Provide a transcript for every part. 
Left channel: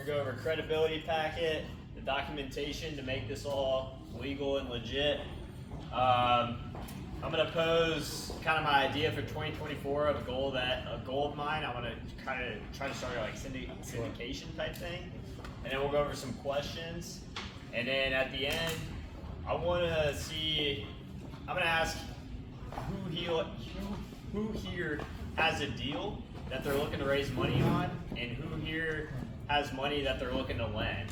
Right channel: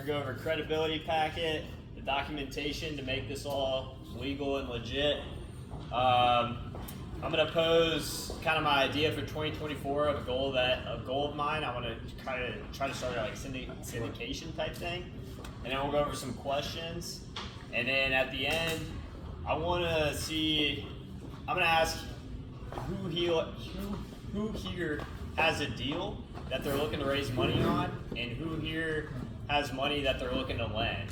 We're gonna go over credibility packet, the documentation to make this all legal and legit. I'm gonna pose kind of my idea for 2024 of a goal of mine. I want to try to start like syndication type thing, and then we'll go over some questions, and then at the end, I'm gonna ask who here has a deal that they're looking to raise money on, and who here has money that they're looking to lend.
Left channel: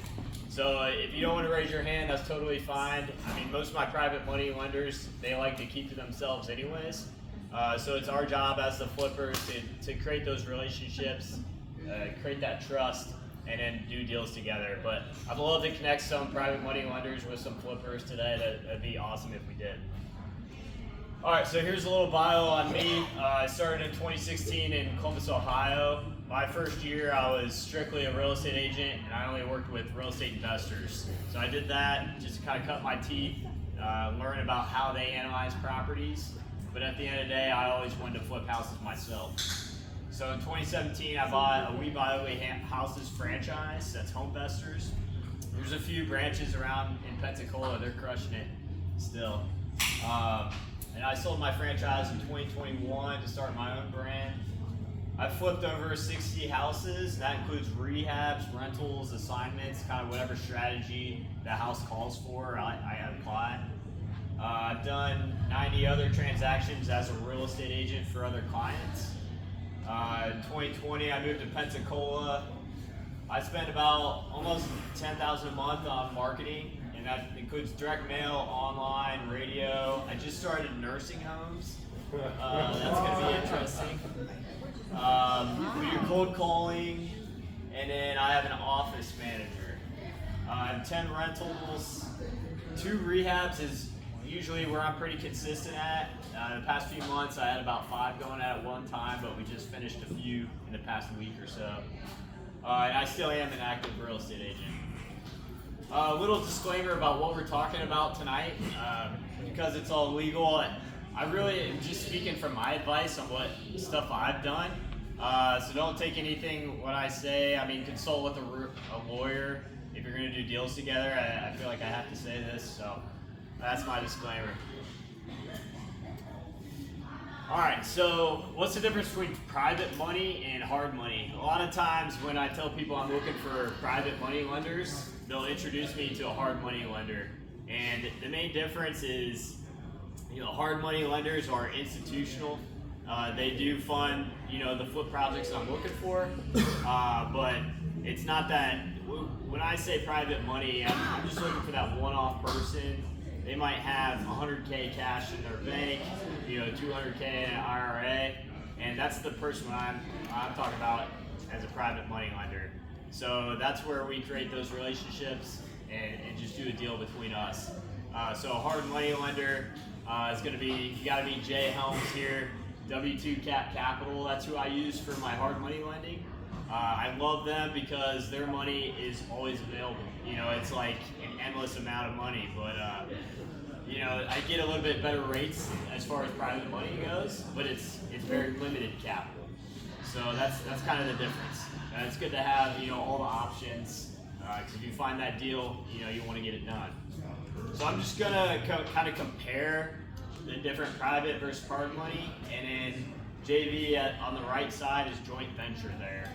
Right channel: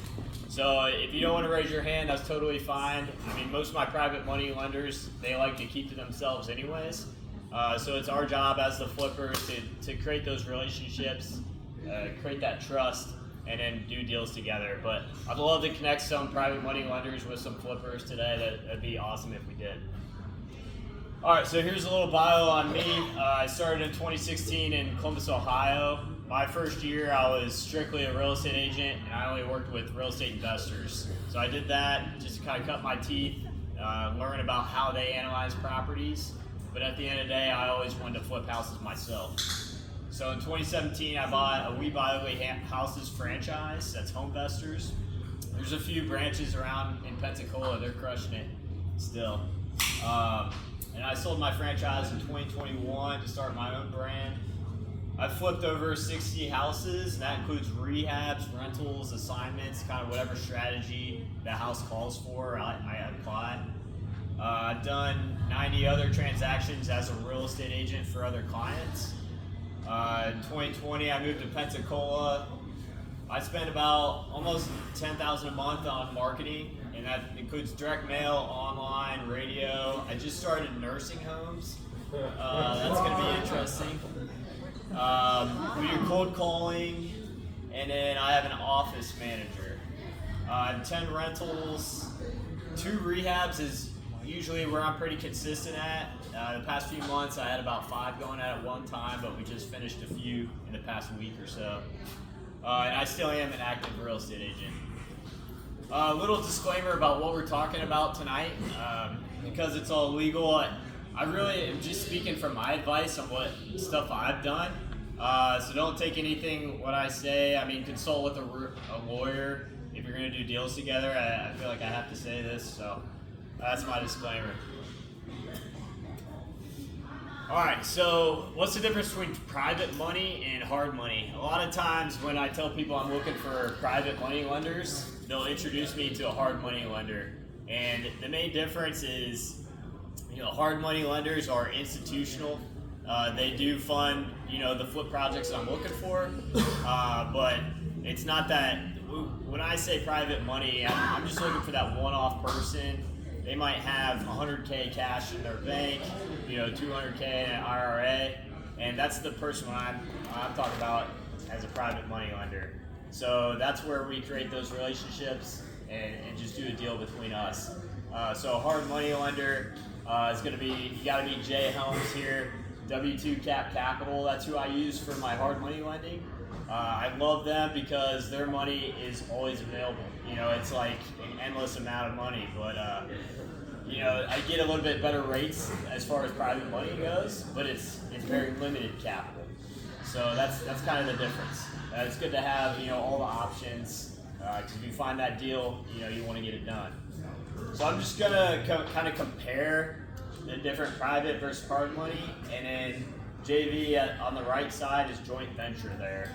So if you don't want to raise your hand, that's totally fine. I mean, most of my private money lenders, they like to keep to themselves anyways. So it's our job as the flippers to create those relationships, create that trust, and then do deals together. But I'd love to connect some private money lenders with some flippers today. That'd be awesome if we did. All right, so here's a little bio on me. I started in 2016 in Columbus, Ohio. My first year, I was strictly a real estate agent, and I only worked with real estate investors. So I did that just to kind of cut my teeth, learn about how they analyze properties. But at the end of the day, I always wanted to flip houses myself. So in 2017, I bought a We Buy Ugly Houses franchise. That's Homevestors. There's a few branches around in Pensacola. They're crushing it still. And I sold my franchise in 2021 to start my own brand. I've flipped over 60 houses, and that includes rehabs, rentals, assignments, kind of whatever strategy the house calls for, I apply. I've done 90 other transactions as a real estate agent for other clients. In 2020, I moved to Pensacola. I spend about almost $10,000 a month on marketing, and that includes direct mail, online, radio. I just started nursing homes. That's going to be interesting. We do cold calling, and then I have an office manager. I have 10 rentals. 2 rehabs is usually where I'm pretty consistent at. The past few months I had about 5 going at one time, but we just finished a few in the past week or so. And I still am an active real estate agent. A little disclaimer about what we're talking about tonight. Because it's all legal, I really am just speaking from my advice on what stuff I've done. So don't take anything what I say. I mean, consult with a lawyer if you're going to do deals together. I feel like I have to say this, so that's my disclaimer. All right, so what's the difference between private money and hard money? A lot of times when I tell people I'm looking for private money lenders, they'll introduce me to a hard money lender. And the main difference is, hard money lenders are institutional. They do fund, the flip projects that I'm looking for, but it's not that. When I say private money, I'm just looking for that one-off person. They might have 100K cash in their bank, 200K in an IRA, and that's the person I'm talking about as a private money lender. So that's where we create those relationships and just do a deal between us. So a hard money lender is going to be, you got to be Jay Helms here, W2 Capital. That's who I use for my hard money lending. I love them because their money is always available. It's like an endless amount of money, but I get a little bit better rates as far as private money goes, but it's very limited capital. So that's kind of the difference. It's good to have all the options because if you find that deal, you want to get it done. So I'm just gonna kind of compare the different private versus hard money, and then JV on the right side is joint venture there.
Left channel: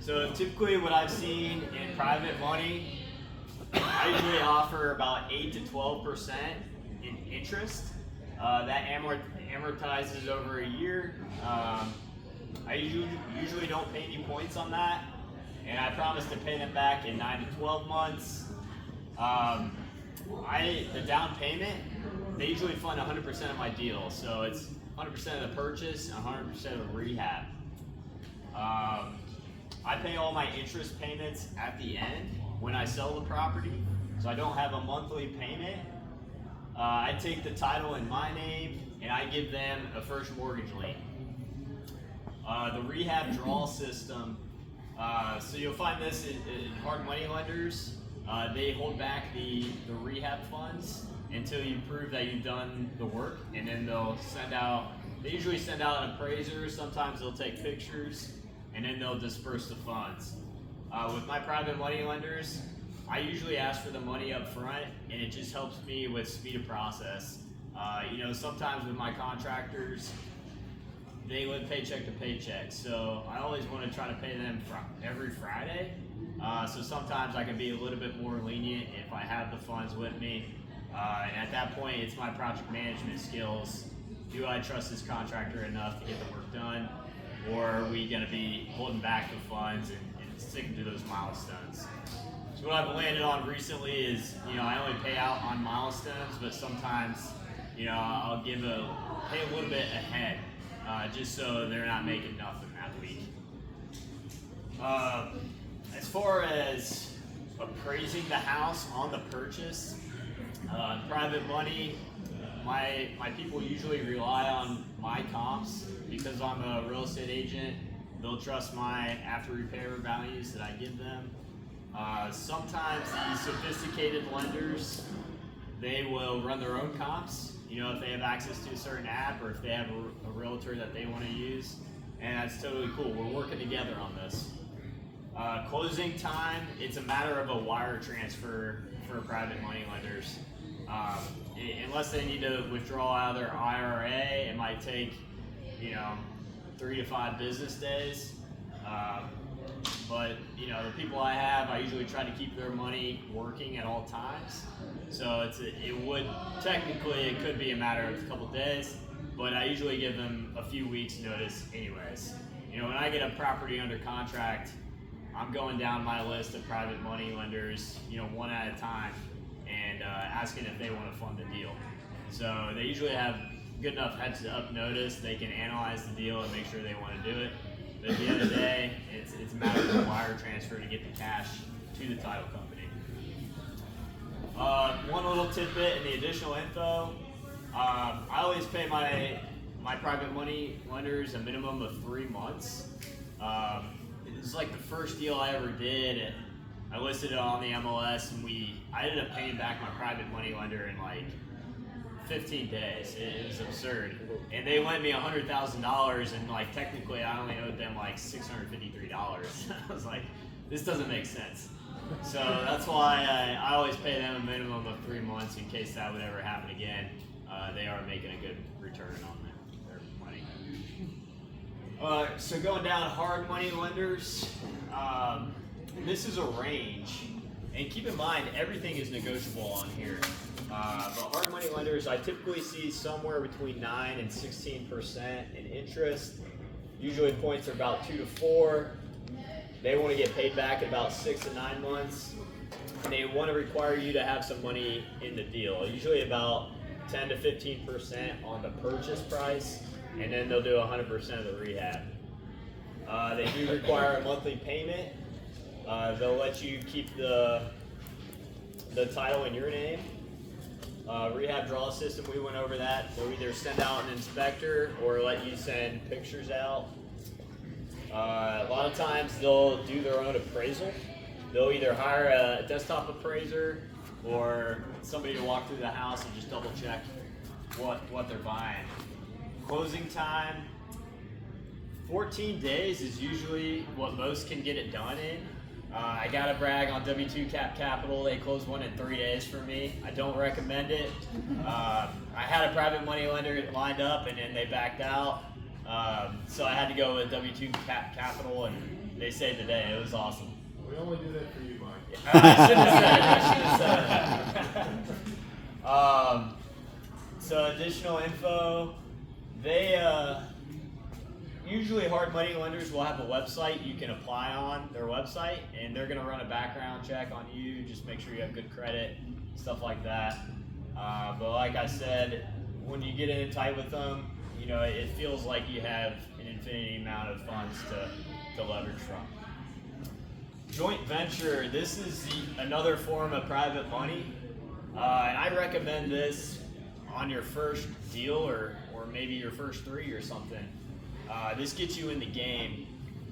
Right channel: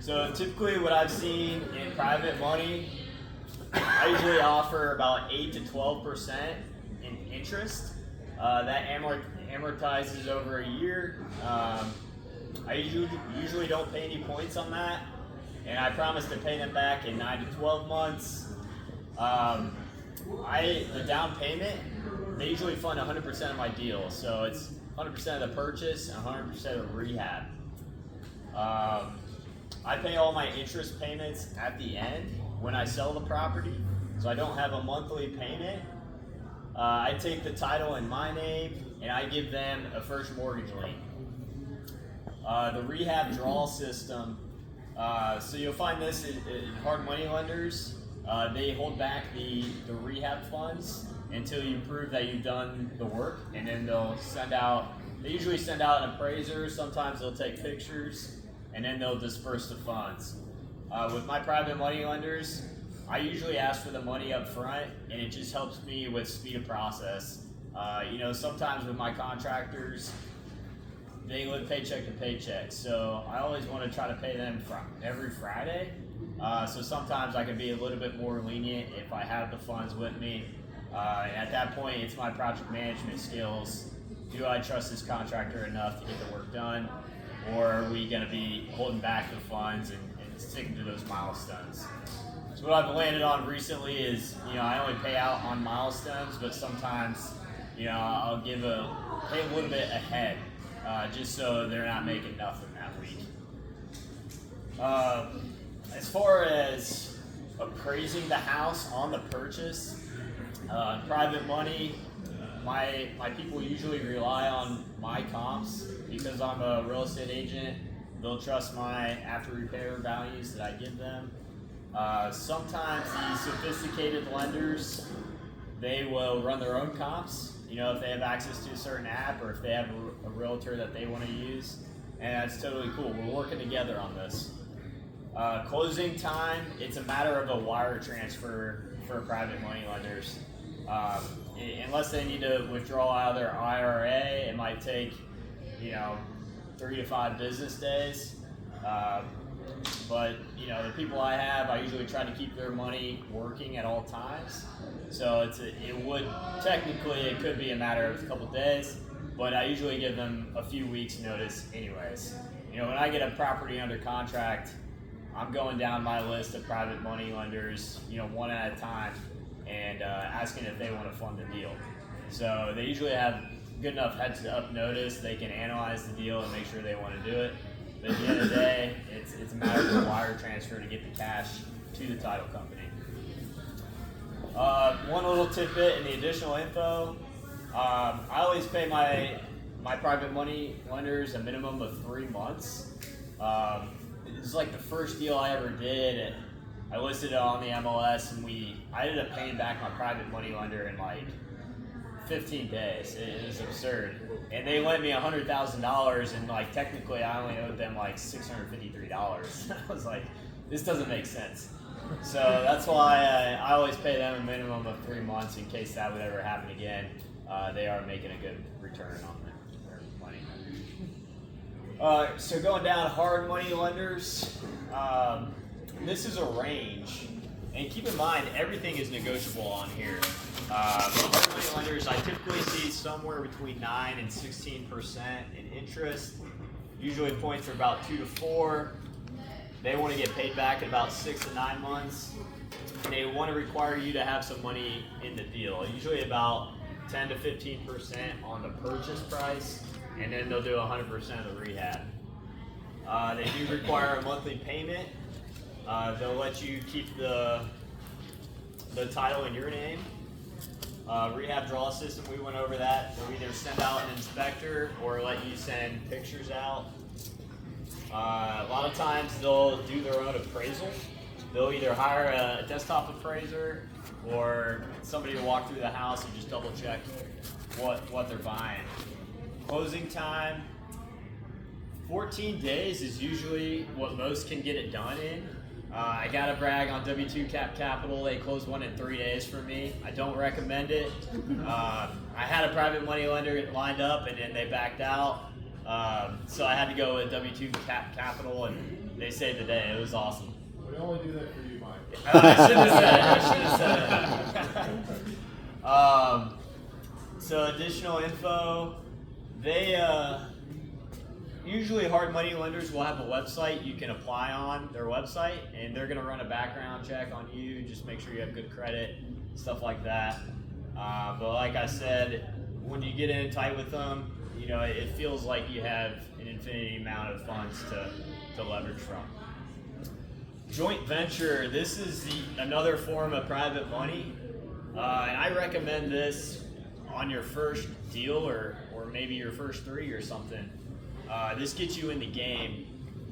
So typically what I've seen in private money, I usually offer about 8 to 12% in interest. That amortizes over a year. I usually don't pay any points on that, and I promise to pay them back in 9 to 12 months. The down payment, they usually fund 100% of my deal, so it's 100% of the purchase and 100% of the rehab. I pay all my interest payments at the end when I sell the property, so I don't have a monthly payment. I take the title in my name and I give them a first mortgage lien. The rehab draw system, so you'll find this in hard money lenders. They hold back the rehab funds until you prove that you've done the work, and then they usually send out an appraiser. Sometimes they'll take pictures, and then they'll disperse the funds. With my private money lenders, I usually ask for the money up front, and it just helps me with speed of process. Sometimes with my contractors, they live paycheck to paycheck, so I always want to try to pay them every Friday. So sometimes I can be a little bit more lenient if I have the funds with me. And at that point, it's my project management skills. Do I trust this contractor enough to get the work done? Or are we going to be holding back the funds and sticking to those milestones? So what I've landed on recently is, I only pay out on milestones, but sometimes, I'll pay a little bit ahead, just so they're not making nothing that week. As far as appraising the house on the purchase, private money, my people usually rely on my comps because I'm a real estate agent. They'll trust my after repair values that I give them. Sometimes these sophisticated lenders, they will run their own comps, if they have access to a certain app or if they have a realtor that they want to use, and that's totally cool. We're working together on this. Closing time, it's a matter of a wire transfer for private money lenders. Unless they need to withdraw out of their IRA, it might take 3 to 5 business days. But the people I have, I usually try to keep their money working at all times. So it could be a matter of a couple days, but I usually give them a few weeks notice anyways. When I get a property under contract, I'm going down my list of private money lenders, one at a time, and asking if they want to fund the deal. So they usually have good enough heads up notice. They can analyze the deal and make sure they want to do it. But at the end of the day, it's a matter of a wire transfer to get the cash to the title company. One little tidbit in the additional info, I always pay my private money lenders a minimum of 3 months. This is like the first deal I ever did. I listed it on the MLS, and I ended up paying back my private money lender in like 15 days. It was absurd. And they lent me $100,000, and like technically I only owed them like $653. I was like, this doesn't make sense. So that's why I always pay them a minimum of 3 months in case that would ever happen again. They are making a good return on their money. So going down hard money lenders, this is a range. And keep in mind, everything is negotiable on here. Hard money lenders, I typically see somewhere between 9 and 16% in interest. Usually points are about 2 to 4. They want to get paid back in about 6 to 9 months. And they want to require you to have some money in the deal. Usually about 10 to 15% on the purchase price, and then they'll do 100% of the rehab. They do require a monthly payment. They'll let you keep the title in your name. Rehab draw system, we went over that. They'll either send out an inspector or let you send pictures out. A lot of times they'll do their own appraisal. They'll either hire a desktop appraiser or somebody to walk through the house and just double check what they're buying. Closing time, 14 days is usually what most can get it done in. I gotta brag on W2 Capital. They closed one in 3 days for me. I don't recommend it. I had a private money lender lined up, and then they backed out. So I had to go with W2 Capital, and they saved the day. It was awesome. We only do that for you, Mike. I should have said that. So additional info, usually hard money lenders will have a website you can apply on their website, and they're going to run a background check on you, just make sure you have good credit, stuff like that. But like I said, when you get in tight with them, it feels like you have an infinity amount of funds to leverage from. Joint venture, this is another form of private money, and I recommend this on your first deal or maybe your first 3 or something. This gets you in the game,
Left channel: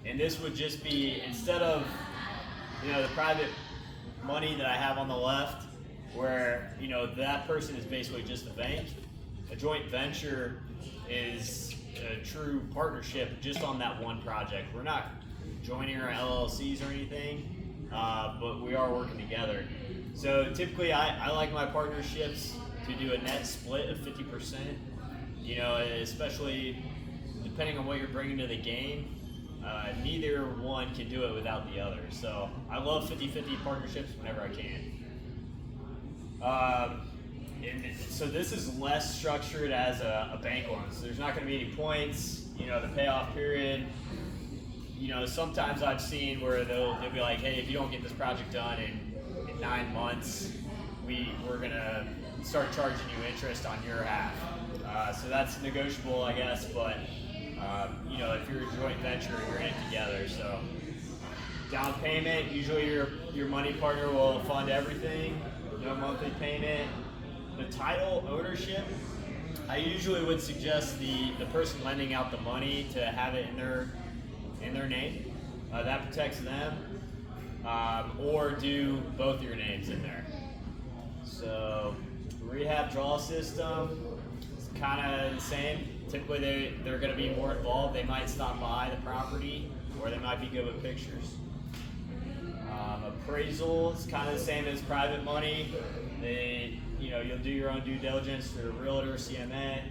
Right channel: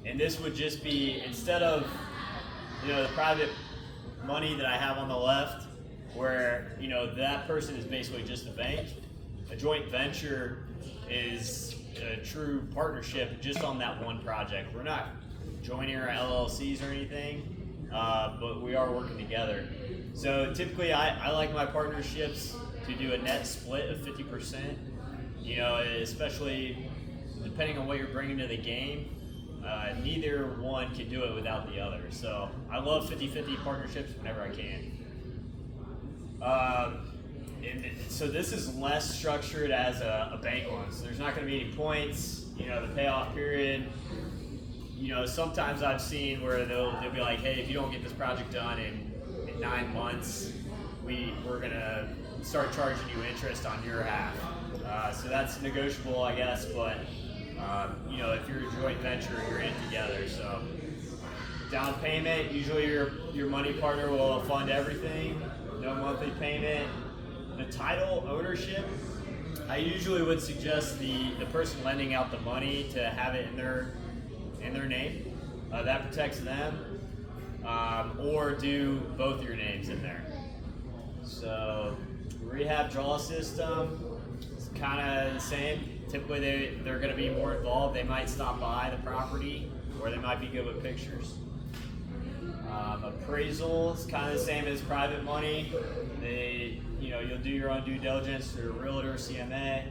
and this would just be, instead of the private money that I have on the left, where that person is basically just a bank. A joint venture is a true partnership just on that one project. We're not joining our LLCs or anything, but we are working together. So typically I like my partnerships to do a net split of 50%, you know, especially depending on what you're bringing to the game. Neither one can do it without the other. So I love 50-50 partnerships whenever I can. And so this is less structured as a bank loan. So there's not going to be any points, you know, the payoff period. You know, sometimes I've seen where they'll be like, hey, if you don't get this project done in 9 months, we're going to start charging you interest on your half. So that's negotiable, I guess, but you know, if you're a joint venture, you're in it together. So down payment, usually your money partner will fund everything, no monthly payment. The title ownership, I usually would suggest the person lending out the money to have it in their name. That protects them, or do both your names in there. So rehab draw system, it's kind of the same. Typically they're going to be more involved. They might stop by the property, or they might be good with pictures. Appraisal is kind of the same as private money. You'll do your own due diligence through a realtor, CMA.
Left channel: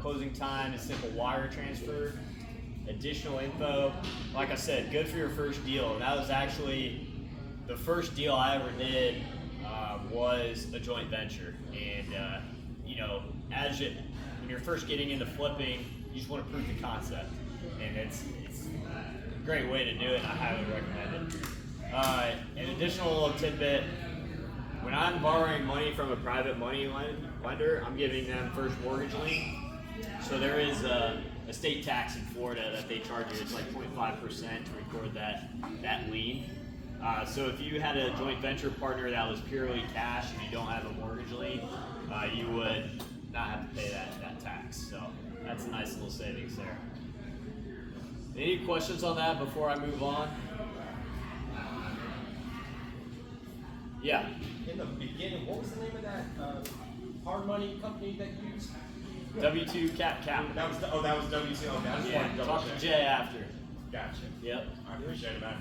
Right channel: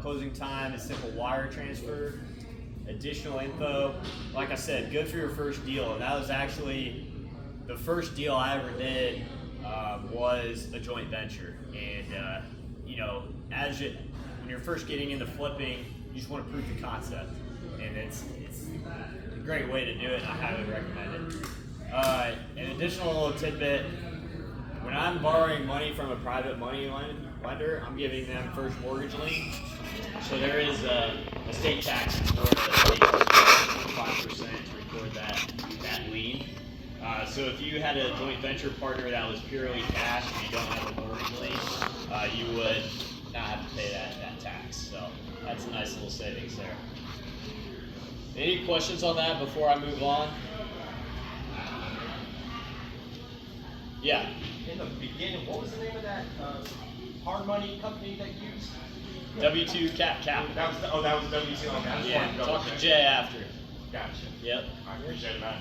Closing time is simple wire transfer. Additional info, like I said, good for your first deal. And that was actually the first deal I ever did. Was a joint venture, and when you're first getting into flipping, you just want to prove the concept, and it's a great way to do it. I highly recommend it. An additional little tidbit: when I'm borrowing money from a private money lender, I'm giving them first mortgage lien. So there is a state tax in Florida that they charge 25% to record that lien. So if you had a joint venture partner that was purely cash and you don't have a mortgage lien, you would not have to pay that tax. So that's a nice little savings there. Any questions on that before I move on? Yeah. In the beginning, what was the name of that hard money company that you used? W2 Capital. That was WC. Okay, I just Yeah, wanted to talk double to check. Jay after. Gotcha. Yep. I appreciate that.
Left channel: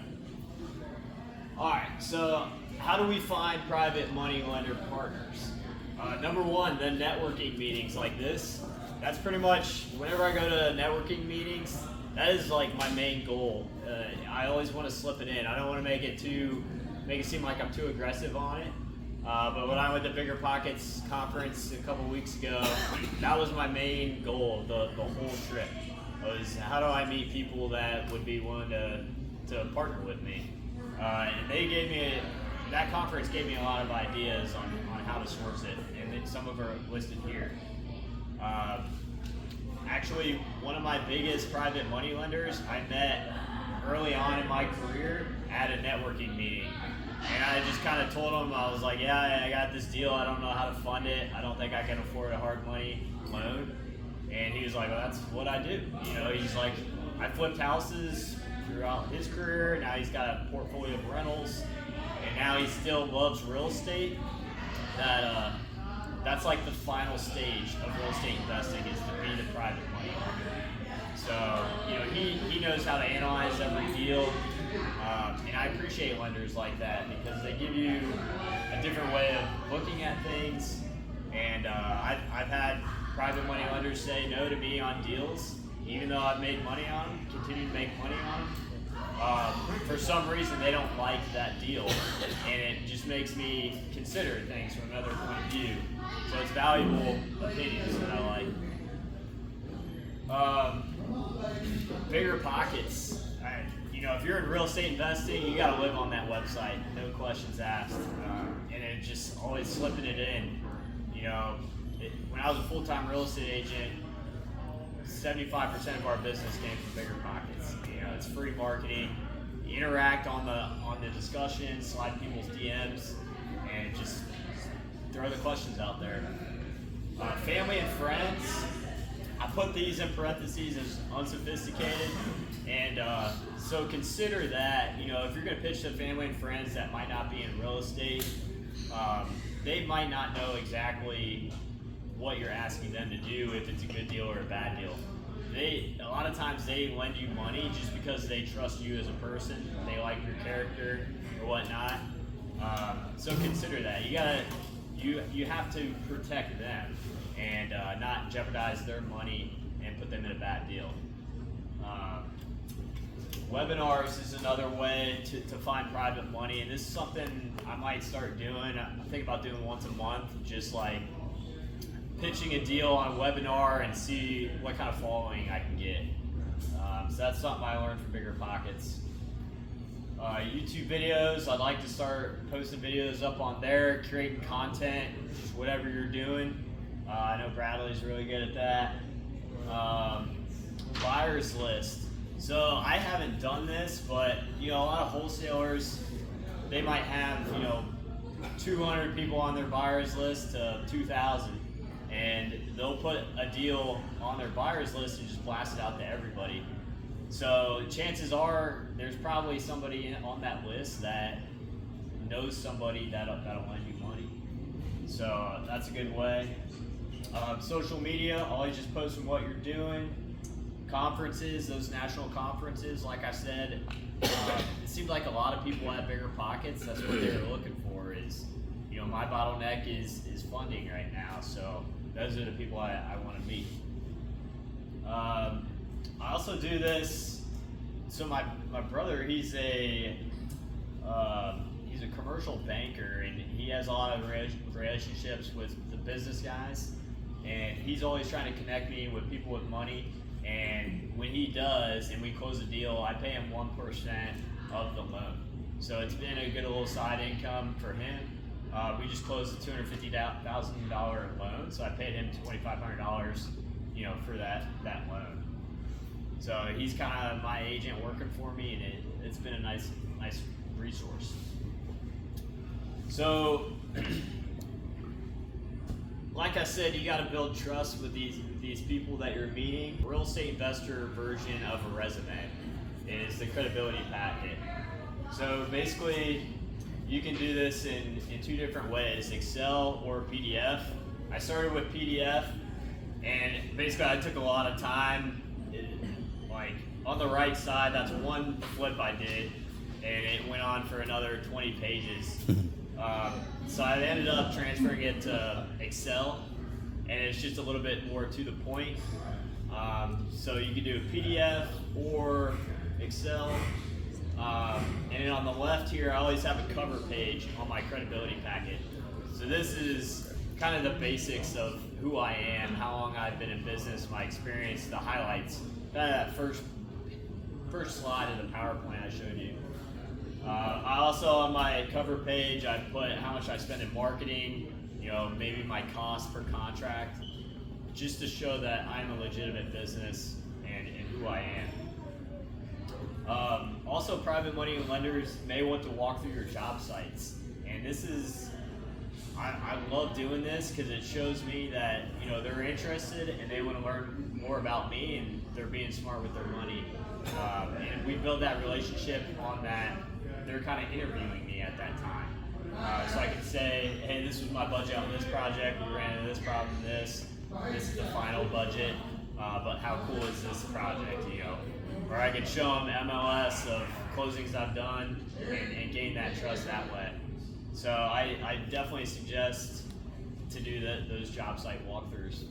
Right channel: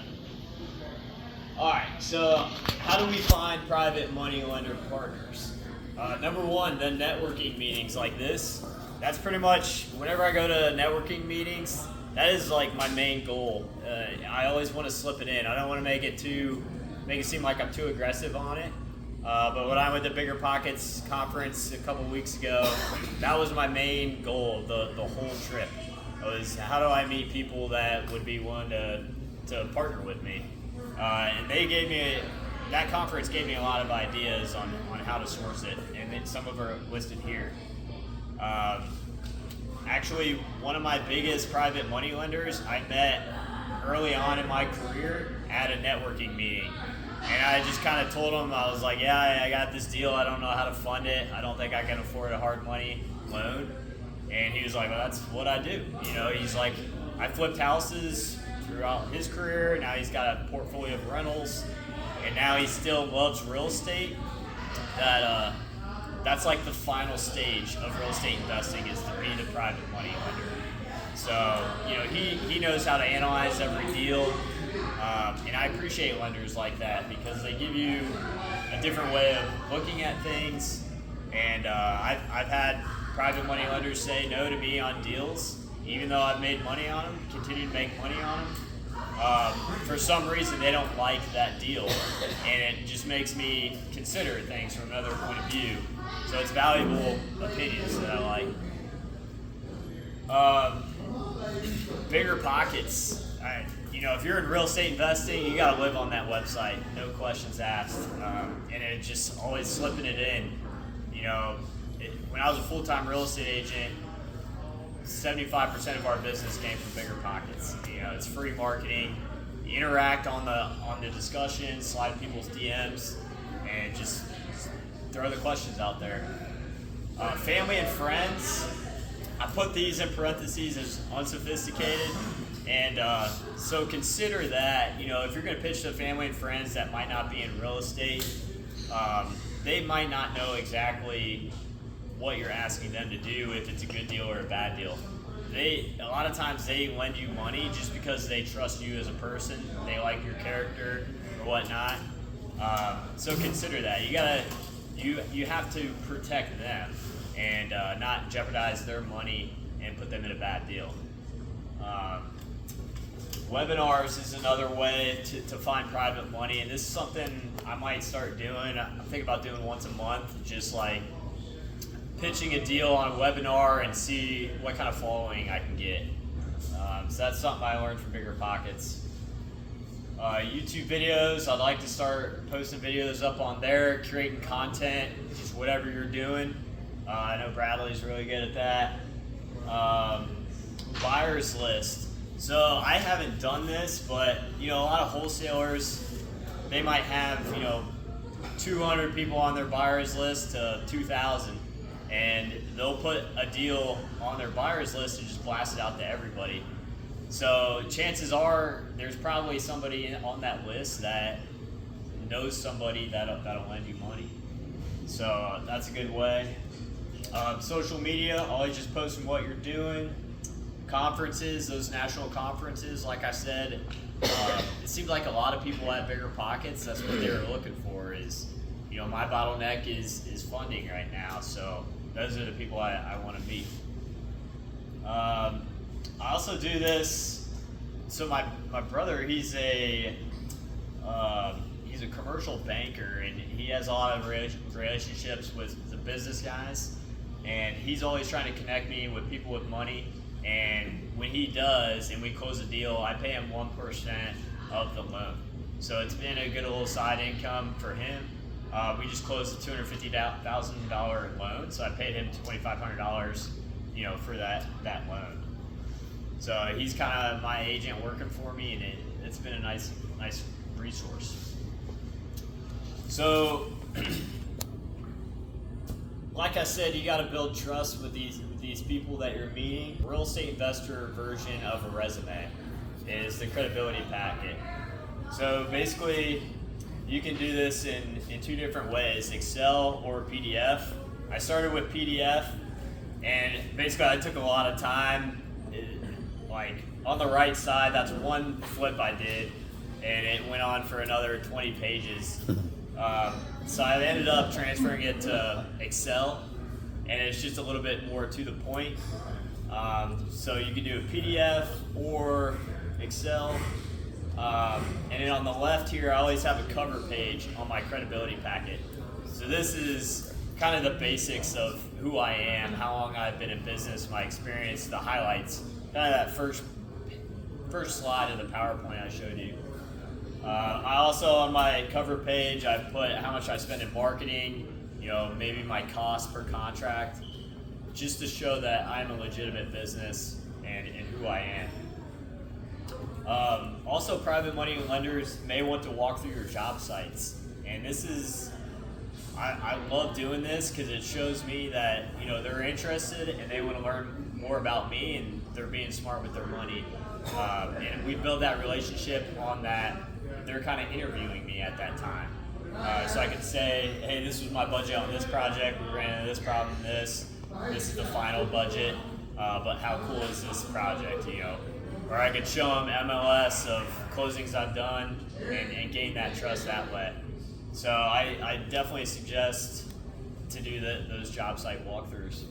Alright, so how do we find private money lender partners? Number one, the networking meetings like this. That's pretty much, whenever I go to networking meetings, that is like my main goal. I always want to slip it in. I don't want to make it seem like I'm too aggressive on it. But when I went to Bigger Pockets conference a couple weeks ago, that was my main goal, the whole trip. Was how do I meet people that would be willing to partner with me? And that conference gave me a lot of ideas on how to source it, and then some of them are listed here. Actually, one of my biggest private money lenders I met early on in my career at a networking meeting. And I just kind of told him, I was like, yeah, I got this deal, I don't know how to fund it, I don't think I can afford a hard money loan. And he was like, well, that's what I do. You know, he's like, I flipped houses throughout his career, now he's got a portfolio of rentals, and now he still loves real estate. That's like the final stage of real estate investing, is to be the private money lender. So, you know, he knows how to analyze every deal, and I appreciate lenders like that because they give you a different way of looking at things. And I've had private money lenders say no to me on deals, even though I've made money on them, continue to make money on them. For some reason, they don't like that deal, and it just makes me consider things from another point of view. So it's valuable opinions that I like. Bigger Pockets. If you're in real estate investing, you got to live on that website. No questions asked, and it just always slipping it in. When I was a full-time real estate agent, 75% of our business came from Bigger Pockets. It's free marketing. You interact on the discussion, slide people's DMs, and just throw the questions out there. Family and friends, I put these in parentheses as unsophisticated, and so consider that. If you're going to pitch to family and friends that might not be in real estate, they might not know exactly what you're asking them to do, if it's a good deal or a bad deal. a lot of times they lend you money just because they trust you as a person. They like your character or whatnot. So consider that. You have to protect them and not jeopardize their money and put them in a bad deal. Webinars is another way to find private money, and this is something I might start doing. I'm thinking about doing once a month, just like pitching a deal on a webinar and see what kind of following I can get. So that's something I learned from Bigger Pockets. YouTube videos, I'd like to start posting videos up on there, creating content, just whatever you're doing. I know Bradley's really good at that. Buyers list. So I haven't done this, but a lot of wholesalers, they might have 200 people on their buyers list to 2,000, and they'll put a deal on their buyers list and just blast it out to everybody. So chances are there's probably somebody on that list that knows somebody that'll lend you money. So that's a good way. Social media, always just posting what you're doing. Conferences, those national conferences, like I said, it seemed like a lot of people had Bigger Pockets. That's what they were looking for. Is my bottleneck is funding right now. So those are the people I want to meet. I also do this. So my brother, he's a commercial banker, and he has a lot of relationships with the business guys, and he's always trying to connect me with people with money. And when he does, and we close a deal, I pay him 1% of the loan. So it's been a good little side income for him. We just closed a $250,000 loan, so I paid him $2,500, for that loan. So he's kind of my agent working for me, and it's been a nice resource. So, like I said, you got to build trust with these people that you're meeting. Real estate investor version of a resume is the credibility packet. So basically, you can do this in two different ways, Excel or PDF. I started with PDF, and basically I took a lot of time. Like on the right side, that's one flip I did, and it went on for another 20 pages. So I ended up transferring it to Excel, and it's just a little bit more to the point. So you can do a PDF or Excel. And then on the left here, I always have a cover page on my credibility packet. So this is kind of the basics of who I am, how long I've been in business, my experience, the highlights, kind of that first slide of the PowerPoint I showed you. I also, on my cover page, I put how much I spend in marketing, maybe my cost per contract, just to show that I'm a legitimate business and who I am. Also, private money lenders may want to walk through your job sites, and this is, I love doing this because it shows me that they're interested and they want to learn more about me, and they're being smart with their money. And we build that relationship on that. They're kind of interviewing me at that time. So I can say, hey, this was my budget on this project, we ran into this problem, this is the final budget, but how cool is this project, Or I could show them MLS of closings I've done and gain that trust that way. So I definitely suggest to do those job site walkthroughs.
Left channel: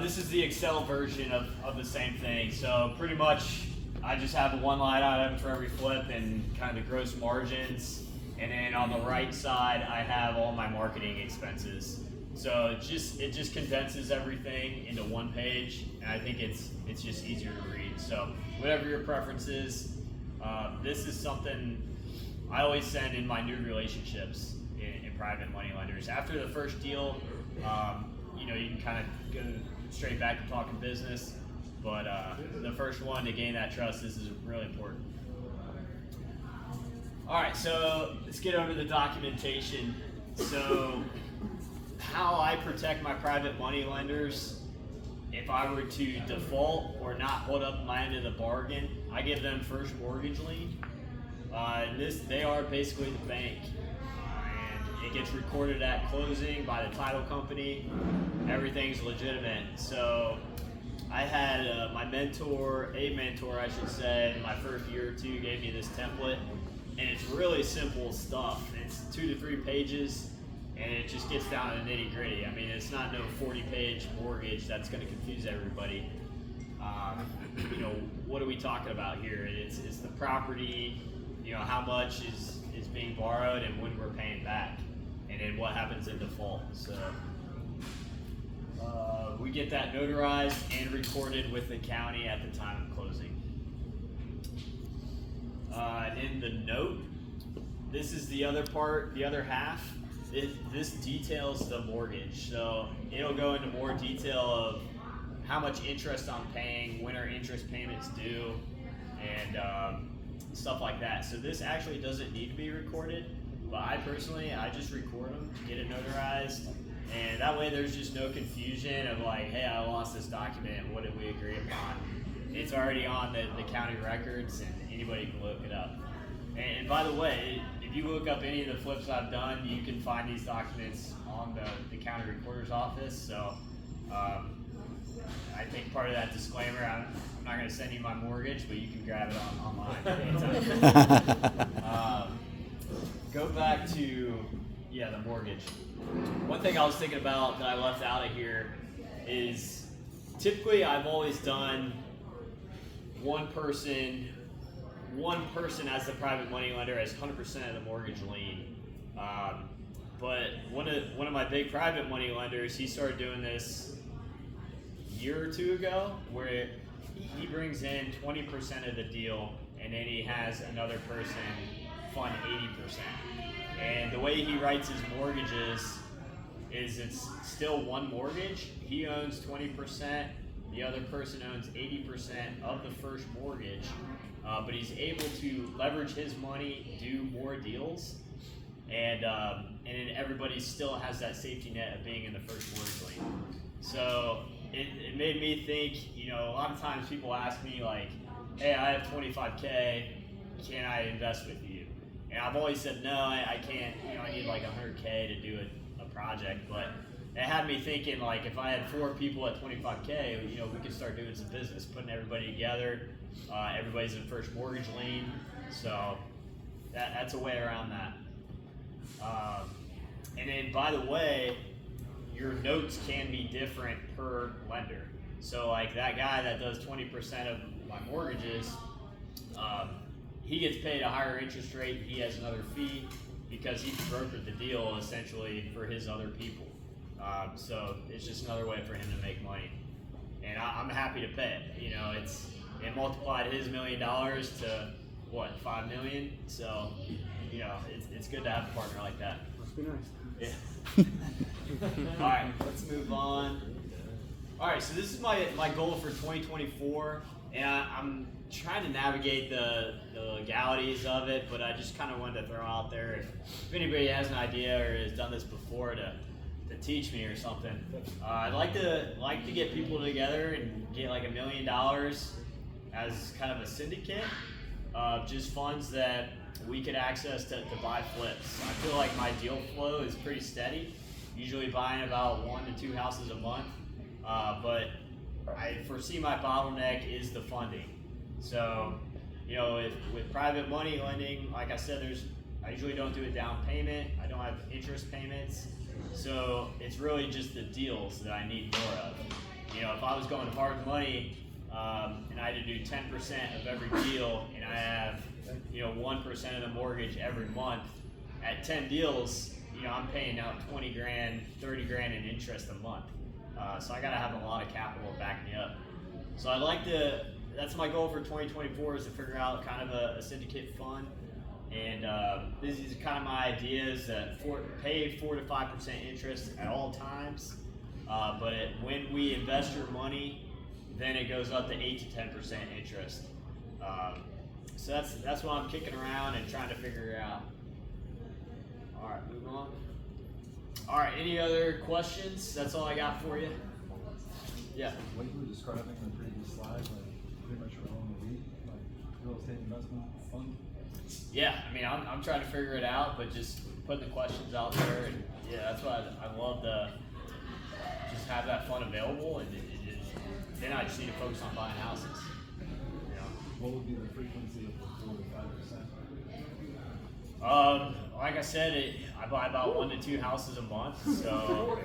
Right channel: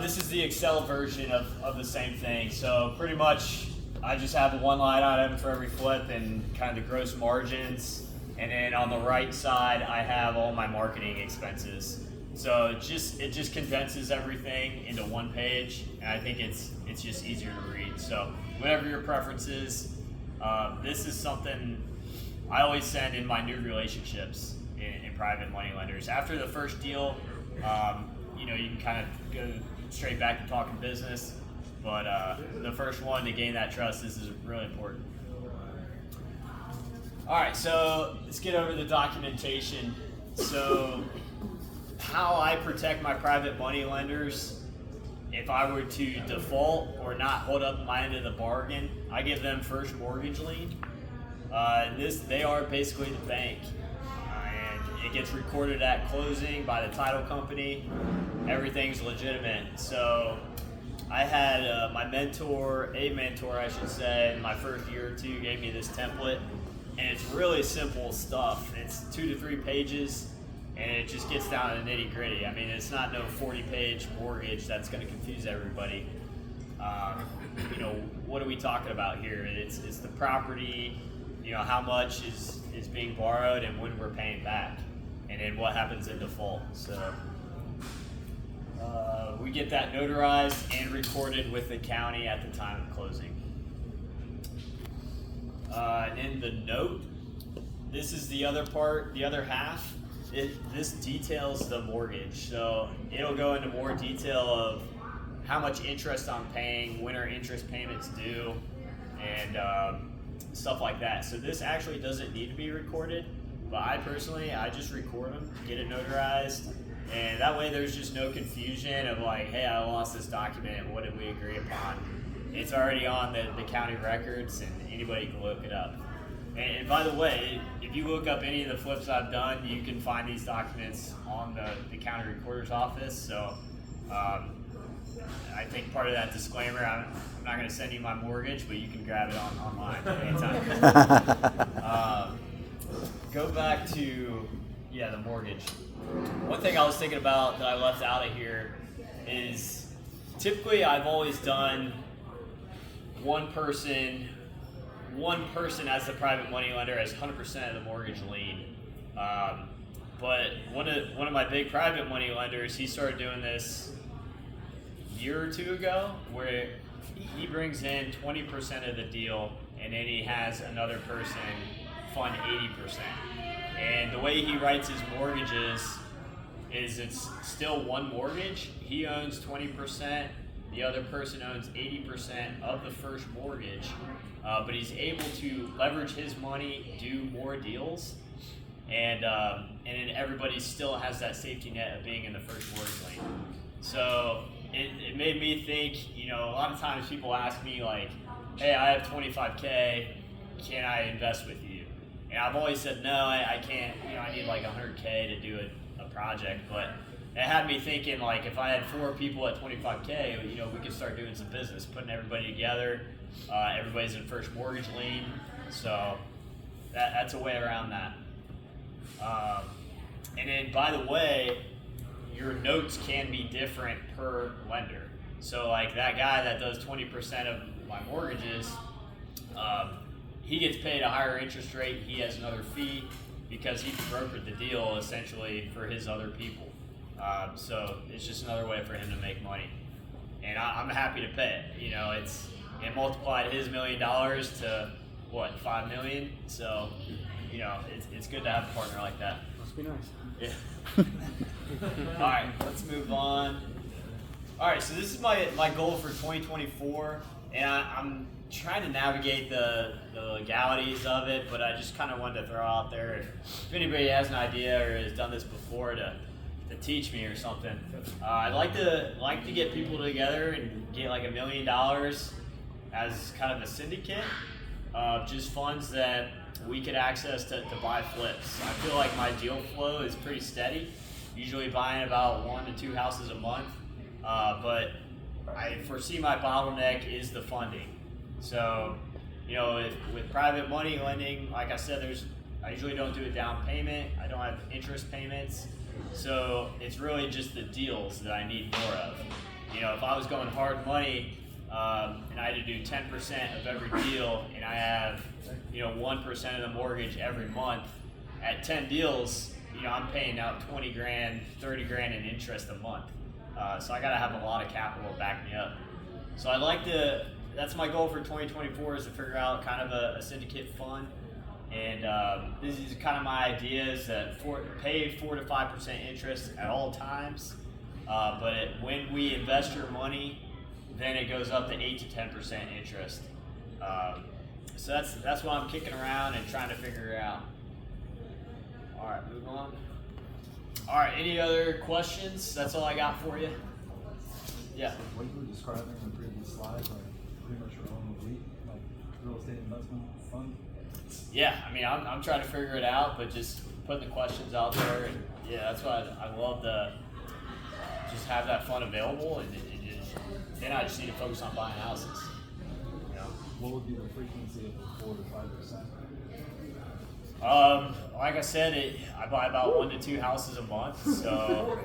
This is the Excel version of the same thing. So pretty much I just have one line item for every flip and kind of the gross margins. And then on the right side, I have all my marketing expenses. So it just condenses everything into one page, and I think it's just easier to read. So whatever your preference is, this is something I always send in my new relationships in private money lenders. After the first deal, you can kind of go straight back to talking business, but the first one, to gain that trust, this is really important. All right, so let's get over the documentation. So how I protect my private money lenders, if I were to default or not hold up my end of the bargain, I give them first mortgage lien. They are basically the bank, and it gets recorded at closing by the title company. Everything's legitimate. So I had a mentor, I should say, in my first year or two gave me this template, and it's really simple stuff. It's 2 to 3 pages, and it just gets down to the nitty gritty. I mean, it's not no 40-page mortgage that's going to confuse everybody. You know, what are we talking about here? It's the property, you know, how much is being borrowed and when we're paying back, and then what happens in default. So we get that notarized and recorded with the county at the time of closing. And in the note, this is the other part, the other half. This details the mortgage, so it'll go into more detail of how much interest I'm paying, when our interest payments due, and stuff like that. So this actually doesn't need to be recorded, but I just record them, get it notarized, and that way there's just no confusion of like, hey, I lost this document, what did we agree upon? It's already on the county records, and anybody can look it up. And by the way, if you look up any of the flips I've done, you can find these documents on the county recorder's office. So I think part of that disclaimer, I'm not going to send you my mortgage, but you can grab it online anytime. Go back to, the mortgage. One thing I was thinking about that I left out of here is typically I've always done one person as the private money lender as 100% of the mortgage lien. But one of my big private money lenders, he started doing this a year or two ago, where he brings in 20% of the deal, and then he has another person fund 80%. And the way he writes his mortgages is it's still one mortgage. He owns 20%, the other person owns 80% of the first mortgage, but he's able to leverage his money, do more deals, and then everybody still has that safety net of being in the first mortgage lien. So it made me think, you know, a lot of times people ask me like, hey, I have 25K, can I invest with you? And I've always said, no, I can't, you know, I need like 100K to do a project. But it had me thinking, like, if I had 4 people at 25K, you know, we could start doing some business, putting everybody together. Everybody's in first mortgage lien. So that's a way around that. And then, by the way, your notes can be different per lender. So like that guy that does 20% of my mortgages, he gets paid a higher interest rate. He has another fee because he brokered the deal essentially for his other people. So it's just another way for him to make money. And I'm happy to pay it. You know, it multiplied his $1 million to what, 5 million? So, you know, it's good to have a partner like that. Must be nice. Yeah. All right, let's move on. All right, so this is my goal for 2024, and I'm trying to navigate the legalities of it, but I just kind of wanted to throw out there if anybody has an idea or has done this before to teach me or something. I'd like to get people together and get like $1 million as kind of a syndicate of just funds that we could access to buy flips. I feel like my deal flow is pretty steady, usually buying about 1 to 2 houses a month, but I foresee my bottleneck is the funding. So, you know, with private money lending, like I said, I usually don't do a down payment. I don't have interest payments. So it's really just the deals that I need more of. You know, if I was going hard money and I had to do 10% of every deal and I have, you know, 1% of the mortgage every month, at 10 deals, you know, I'm paying out 20 grand, 30 grand in interest a month. So I gotta have a lot of capital to back me up. So that's my goal for 2024 is to figure out kind of a syndicate fund. And this is kind of my idea is that pay 4 to 5% interest at all times. But when we invest your money, then it goes up to 8 to 10% interest. So that's what I'm kicking around and trying to figure out. All right, move on. All right, any other questions? That's all I got for you. Yeah. What you were describing in the previous slide, like pretty much your own elite, like real estate investment fund. Yeah, I mean, I'm trying to figure it out, but just putting the questions out there, and yeah, that's why I love to just have that fund available and just then I just need to focus on buying houses. You know? What would be the frequency of the 4 to 5%? Like I said, I buy about 1 to 2 houses a month, so